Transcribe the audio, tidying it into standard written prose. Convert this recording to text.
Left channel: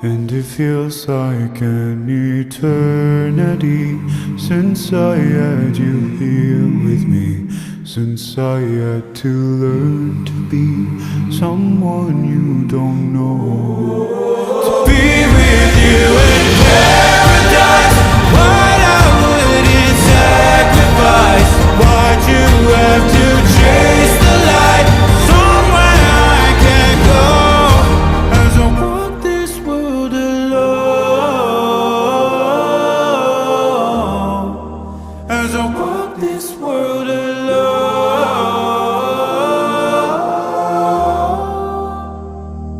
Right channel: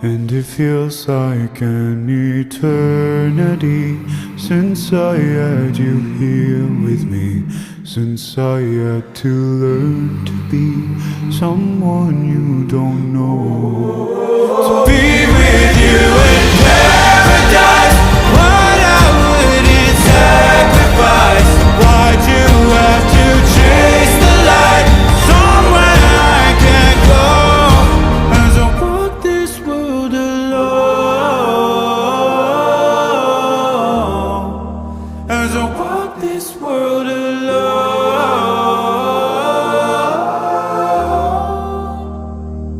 And it feels like an eternity since I had you here with me, since I had to learn to be someone you don't know.